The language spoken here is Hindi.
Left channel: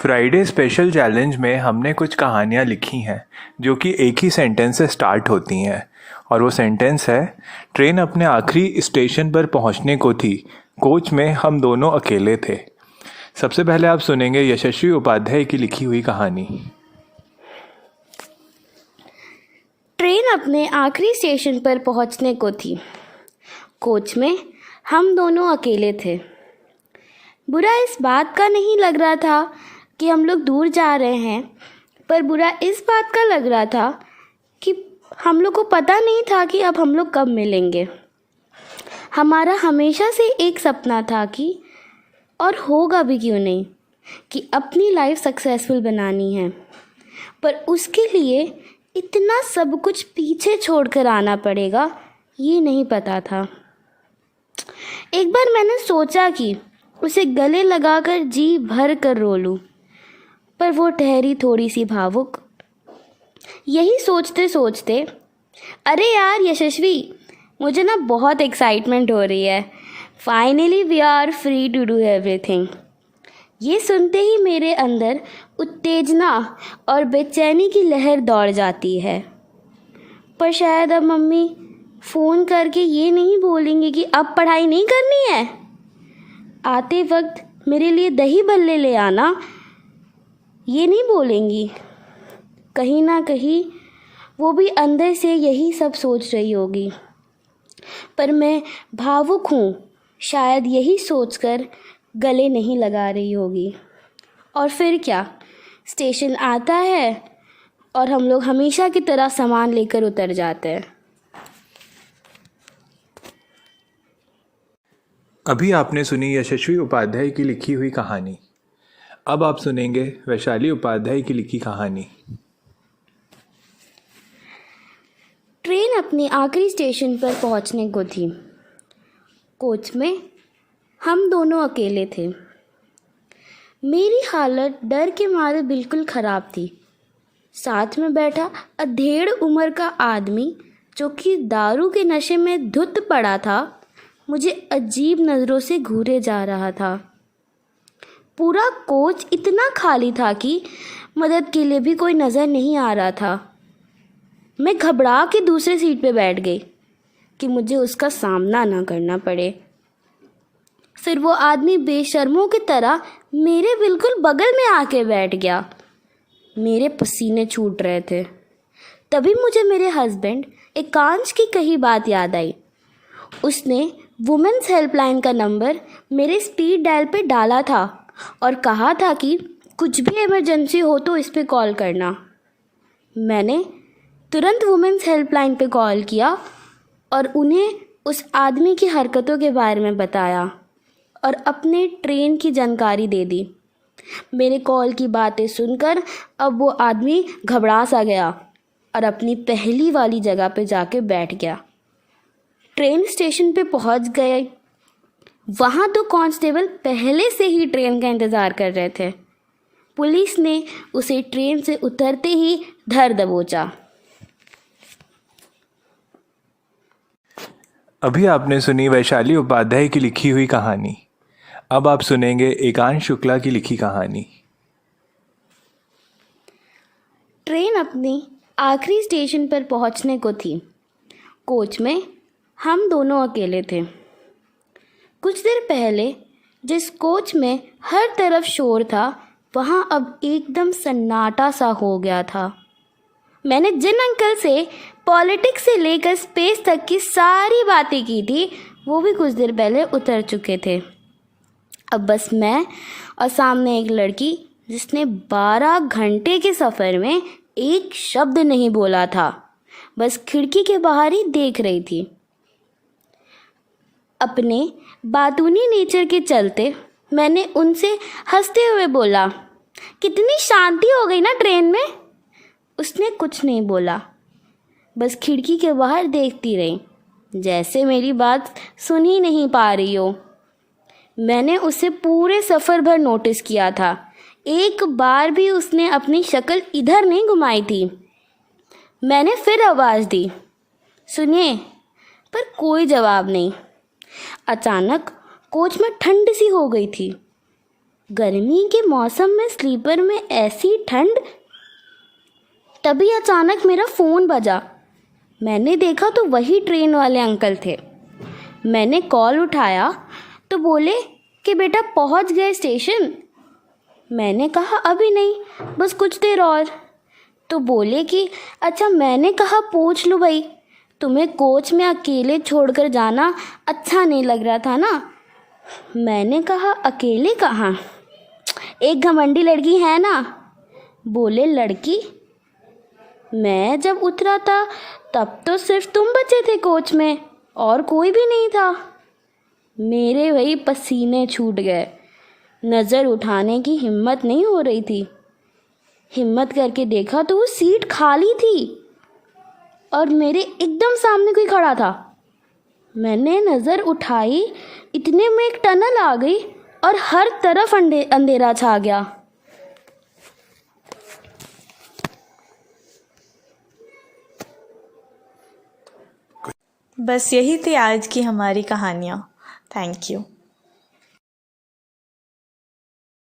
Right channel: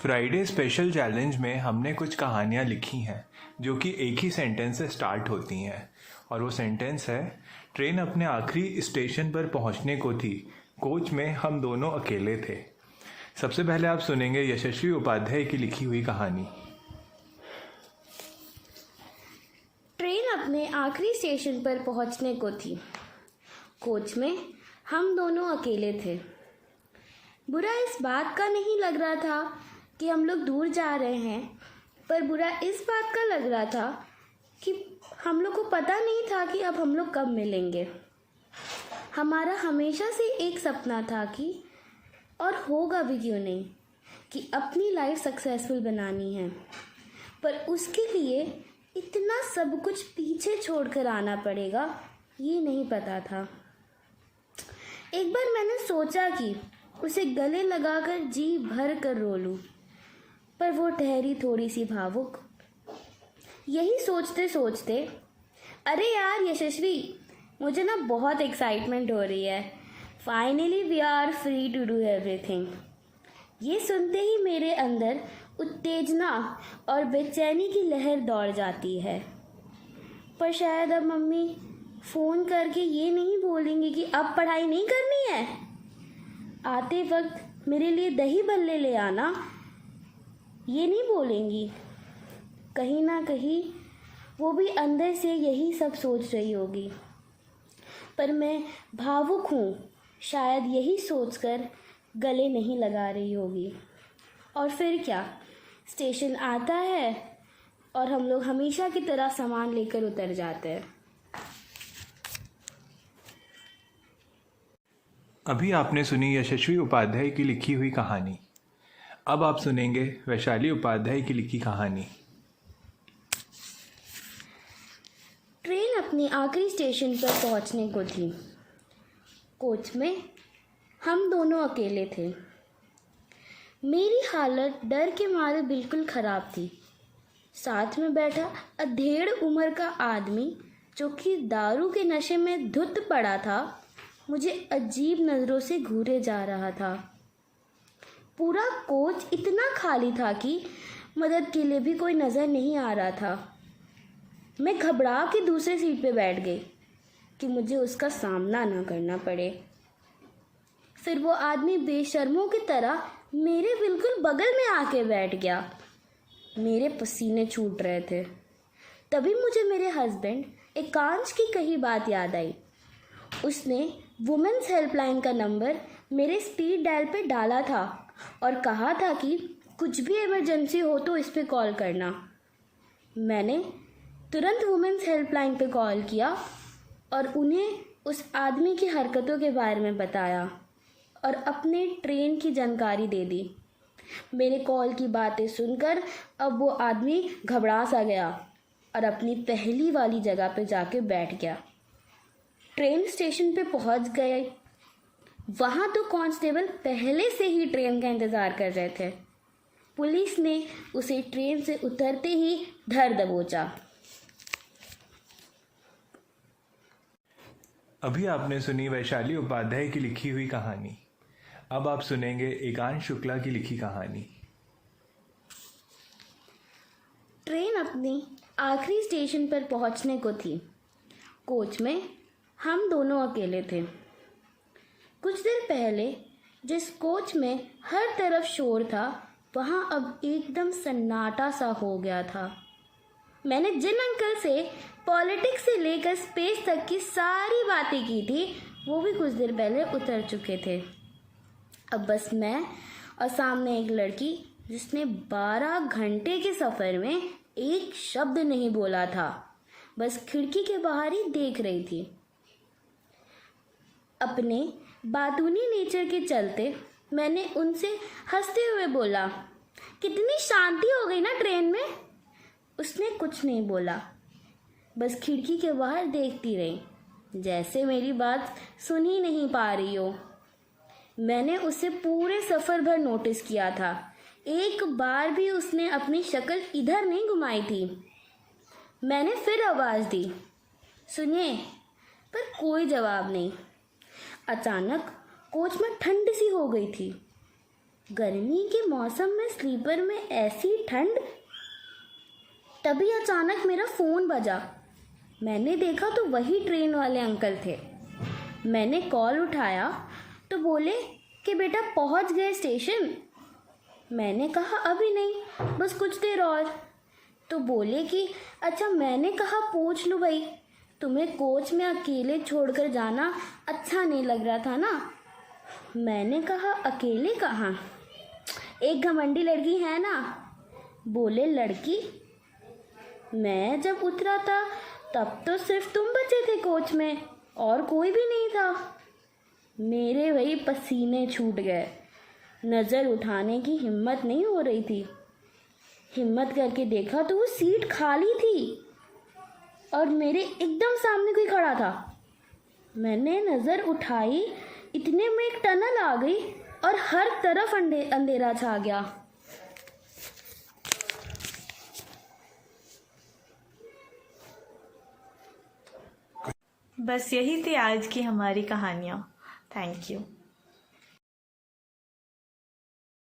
फ्राइडे स्पेशल चैलेंज में हमने कुछ कहानियाँ लिखी हैं जो कि एक ही सेंटेंस से स्टार्ट होती हैं। और वो सेंटेंस है, ट्रेन अपने आखिरी स्टेशन पर पहुंचने को थी, कोच में हम दोनों अकेले थे। सबसे पहले आप सुनेंगे यशस्वी उपाध्याय की लिखी हुई कहानी। ट्रेन अपने आखिरी स्टेशन पर पहुंचने को थी, कोच में हम दोनों अकेले थे। बुरा इस बात का नहीं लग रहा था कि हम लोग दूर जा रहे हैं, पर बुरा इस बात का लग रहा था कि हम लोग को पता नहीं था कि अब हम लोग कब मिलेंगे। हमारा हमेशा से एक सपना था कि, और होगा भी क्यों नहीं, कि अपनी लाइफ सक्सेसफुल बनानी है, पर उसके लिए इतना सब कुछ पीछे छोड़कर आना पड़ेगा, ये नहीं पता था। एक बार मैंने सोचा कि उसे गले लगाकर जी भर कर रो लूं, पर वो ठहरी थोड़ी सी भावुक। यही सोचते सोचते, अरे यार यशस्वी, मुझे ना बहुत एक्साइटमेंट हो रही है। Finally we are free to do everything. ये सुनते ही मेरे अंदर उत्तेजना और बेचैनी की लहर दौड़ जाती है। पर शायद अब मम्मी फ़ोन करके ये नहीं बोलेंगे कि अब पढ़ाई नहीं करनी है। आते वक्त मेरे लिए दही बल्ले ले आना, ये नहीं बोलेंगी। कहीं ना कहीं वो भी अंदर से यही सब सोच रही होगी, पर मैं भावुक हूँ, शायद यही सोचकर गले नहीं लगा रही होगी। और फिर क्या, स्टेशन आता है और हम लोग हमेशा की तरह सामान लेकर उतर जाते हैं। अभी आपने सुनी यशस्वी उपाध्याय की लिखी हुई कहानी। अब आप सुनेंगे वैशाली उपाध्याय की लिखी कहानी। ट्रेन अपने आखिरी स्टेशन पर पहुंचने को थी, कोच में हम दोनों अकेले थे। मेरी हालत डर के मारे बिल्कुल ख़राब थी। साथ में बैठा अधेड़ उम्र का आदमी, जो कि दारू के नशे में धुत पड़ा था, मुझे अजीब नज़रों से घूरे जा रहा था। पूरा कोच इतना खाली था कि मदद के लिए भी कोई नज़र नहीं आ रहा था। मैं घबरा के दूसरे सीट पे बैठ गई कि मुझे उसका सामना ना करना पड़े। फिर वो आदमी बेशर्मों की तरह मेरे बिल्कुल बगल में आके बैठ गया। मेरे पसीने छूट रहे थे। तभी मुझे मेरे हस्बैंड एकांश की कही बात याद आई। उसने वुमेन्स हेल्पलाइन का नंबर मेरे स्पीड डायल पे डाला था और कहा था कि कुछ भी इमरजेंसी हो तो इस पे कॉल करना। मैंने तुरंत वुमेन्स हेल्पलाइन पे कॉल किया और उन्हें उस आदमी की हरकतों के बारे में बताया और अपने ट्रेन की जानकारी दे दी। मेरे कॉल की बातें सुनकर अब वो आदमी घबरा सा गया और अपनी पहली वाली जगह पे जाके बैठ गया। ट्रेन स्टेशन पे पहुंच गए। वहाँ तो कांस्टेबल पहले से ही ट्रेन का इंतज़ार कर रहे थे। पुलिस ने उसे ट्रेन से उतरते ही धर दबोचा। अभी आपने सुनी वैशाली उपाध्याय की लिखी हुई कहानी। अब आप सुनेंगे एकांश शुक्ला की लिखी कहानी। ट्रेन अपनी आखिरी स्टेशन पर पहुंचने को थी, कोच में हम दोनों अकेले थे। कुछ देर पहले जिस कोच में हर तरफ शोर था, वहाँ अब एकदम सन्नाटा सा हो गया था। मैंने जिन अंकल से पॉलिटिक्स से लेकर स्पेस तक की सारी बातें की थी, वो भी कुछ देर पहले उतर चुके थे। अब बस मैं और सामने एक लड़की, जिसने 12 घंटे के सफ़र में एक शब्द नहीं बोला था, बस खिड़की के बाहर ही देख रही थी। अपने बातूनी नेचर के चलते मैंने उनसे हंसते हुए बोला, कितनी शांति हो गई ना ट्रेन में। उसने कुछ नहीं बोला, बस खिड़की के बाहर देखती रही, जैसे मेरी बात सुन ही नहीं पा रही हो। मैंने उसे पूरे सफ़र भर नोटिस किया था। एक बार भी उसने अपनी शक्ल इधर नहीं घुमाई थी। मैंने फिर आवाज़ दी, सुनिए, पर कोई जवाब नहीं। अचानक कोच में ठंड सी हो गई थी। गर्मी के मौसम में स्लीपर में ऐसी ठंड। तभी अचानक मेरा फ़ोन बजा। मैंने देखा तो वही ट्रेन वाले अंकल थे। मैंने कॉल उठाया तो बोले कि बेटा पहुंच गए स्टेशन। मैंने कहा अभी नहीं, बस कुछ देर और। तो बोले कि अच्छा, मैंने कहा पूछ लो भाई, तुम्हें कोच में अकेले छोड़कर जाना अच्छा नहीं लग रहा था ना। मैंने कहा अकेले कहाँ, एक घमंडी लड़की है ना। बोले लड़की? मैं जब उतरा था तब तो सिर्फ तुम बचे थे कोच में, और कोई भी नहीं था। मेरे वही पसीने छूट गए। नज़र उठाने की हिम्मत नहीं हो रही थी। हिम्मत करके देखा तो वो सीट खाली थी और मेरे एकदम सामने कोई खड़ा था। मैंने नज़र उठाई, इतने में एक टनल आ गई और हर तरफ अंधेरा छा गया। बस यही थी आज की हमारी कहानियाँ। Thank you.